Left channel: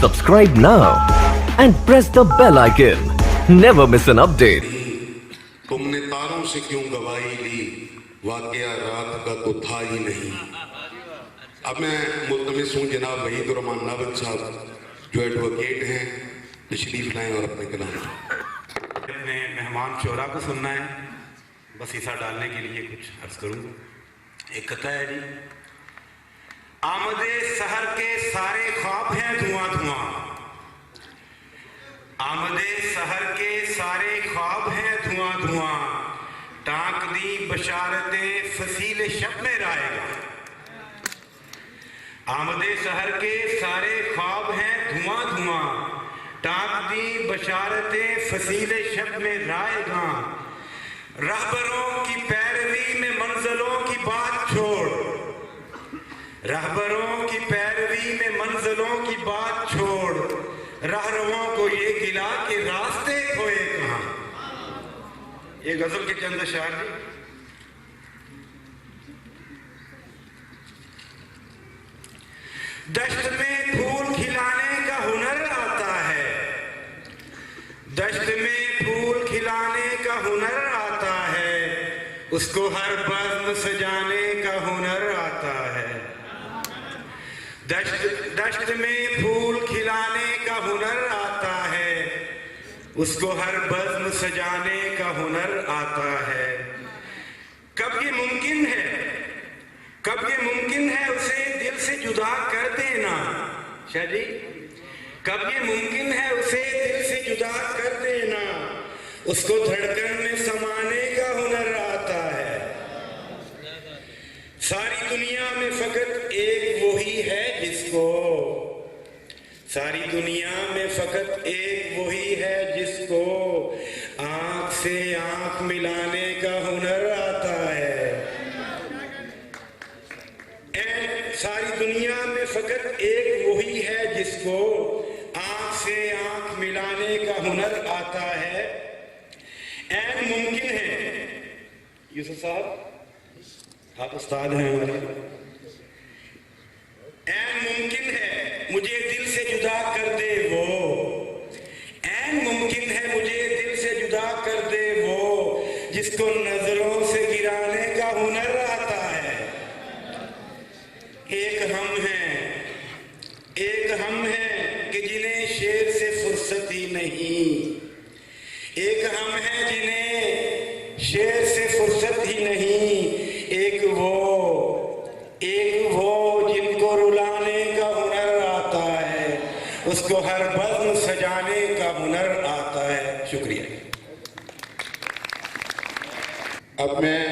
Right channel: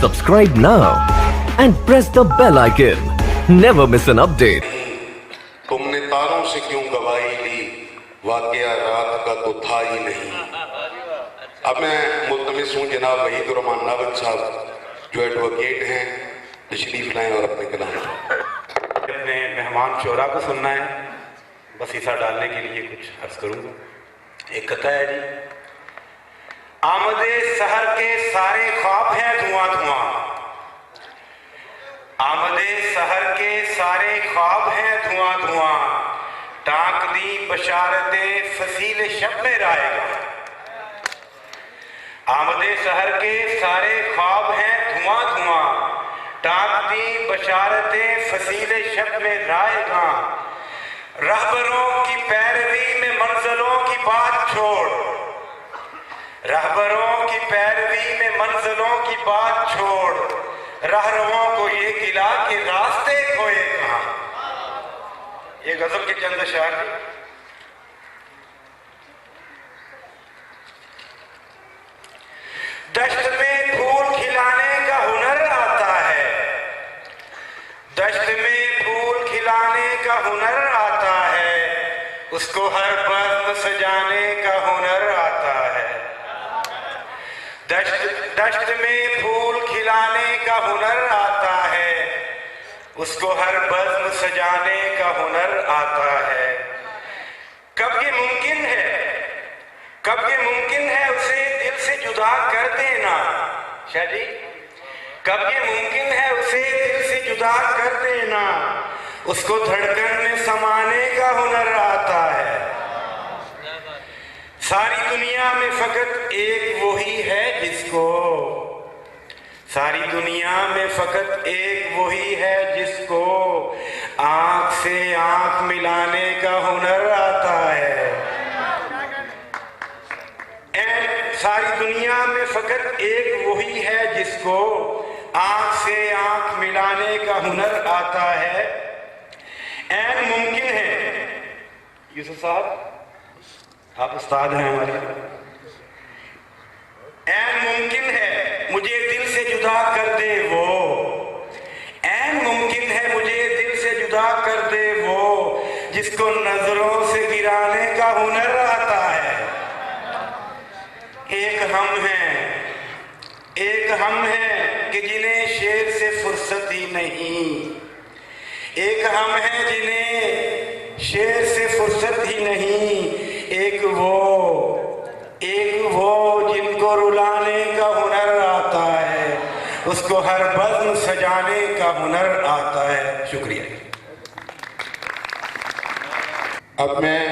Subscribe now and press the bell icon. Never miss an update. तुमने तारों से क्यों गवाही ली, वाकया रात का तो था ही नहीं। अब मैं मुल्तमिस हूँ जनाब वहीदुर्रहमान नावद साहब जो एडवोकेट हैं, तशरीफ लाएं और अपने कलाम अपने मेहमान शोरा को सुनना है। बस हिस्सा डालने के लिए कुछ अर्ज करूँगा। एक कथा है जी, आमदे सहर के सारे ख्वाब हैं धुआं धुआं, आमदे सहर के सारे ख्वाब हैं धुआं धुआं, टांक दी बशारतें फसील शब में राएगा। आमदे सहर के सारे ख्वाब हैं धुआं धुआं, टांक दी बशारतें फसील शब में राएगा। रहबरों की पैरवी में मंजिलों की बात छोड़, रहबरों की पैरवी में मंजिलों की बात छोड़, रहरुओं को ये गिला के रास्ते खोए कहां। ये गजल के चंद अशआर जी। दश्त में फूल खिलाने का हुनर आता है, दश्त में फूल खिलाने का हुनर आता है, उसको हर बज़्म सजाने का हुनर आता है। दश्त में फूल खिलाने का हुनर आता है, उसको हर बज़्म सजाने का हुनर आता है। कब ये मुमकिन है, कब ये मुमकिन है उसे दिल से जुदा कर देना। शाह जी, कब ये मुमकिन है उसे दिल से जुदा कर देना, उसको धड़कन में समाने का हुनर आता है। सारी दुनिया में फकत एक वही है जिसको, सारी दुनिया में फकत एक वही है जिसको आंख से आंख मिलाने का हुनर आता है। सारी दुनिया में फकत एक वही है जिसको आंख से आंख मिलाने का हुनर आता है। ऐन मुमकिन है, यूसुफ साहब आप उस्ताद हैं हमारे, ऐन मुमकिन है मुझे दिल से जुदा कर दे वो, ऐन मुमकिन है मुझे दिल से जुदा कर दे वो, जिसको नजरों से गिराने का हुनर आता है। एक हम हैं कि जिन्हें शेर से फुर्सत ही नहीं, एक हम हैं जिन्हें शेर से फुर्सत ही नहीं, एक वो जिनको रुलाने का हुनर आता है, उसको हर बज़्म सजाने का हुनर आता है। शुक्रिया। अब मैं